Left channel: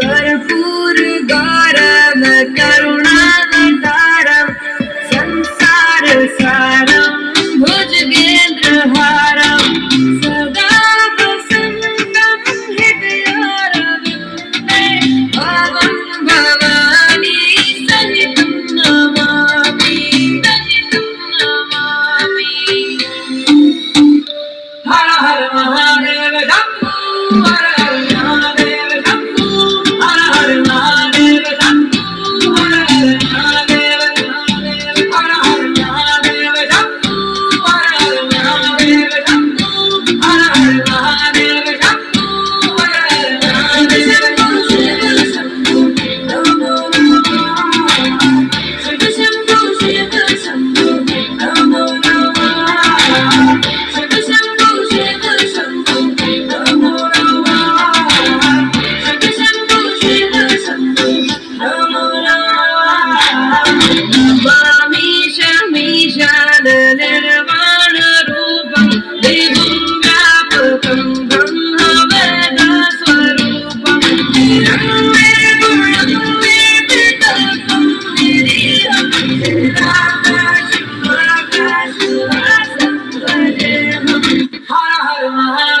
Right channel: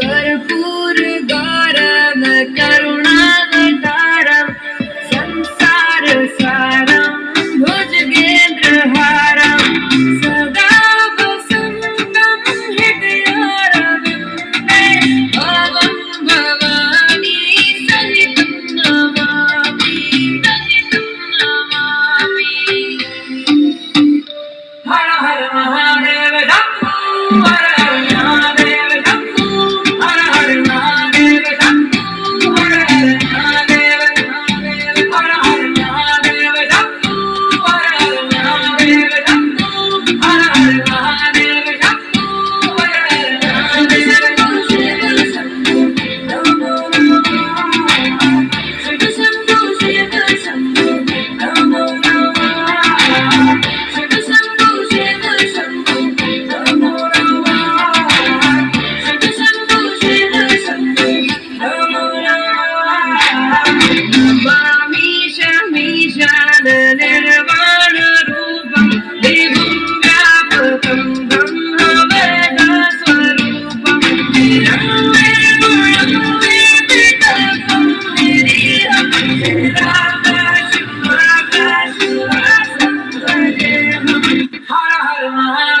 कर्पूर गौरव करुणावतारम संसार सारम भुजगेन्द्रहारम सदा वसन्तं हृदयारविन्दे भवं भवानी सहितं नमामि हर हर महादेव शंभो हर हर महादेव शंभो हर हर महादेव शंभो हर हर महादेव हर हर महादेव शंभो हर हर महादेव शंभो हर हर महादेव शंभो हर हर महादेव शंभो नमो शिव शंभो शिव शंभो नमो शिव शंभो शिव शंभो नमो शिव शंभो शिव शंभो नमो नमामि शमीशान निर्वाण रूपं देवं व्यापकं ब्रह्मवेद स्वरूपं निरम्ये गुणं वेदितकं निरीहं निराकाशं आकाशवासं भजेऽहं हर हर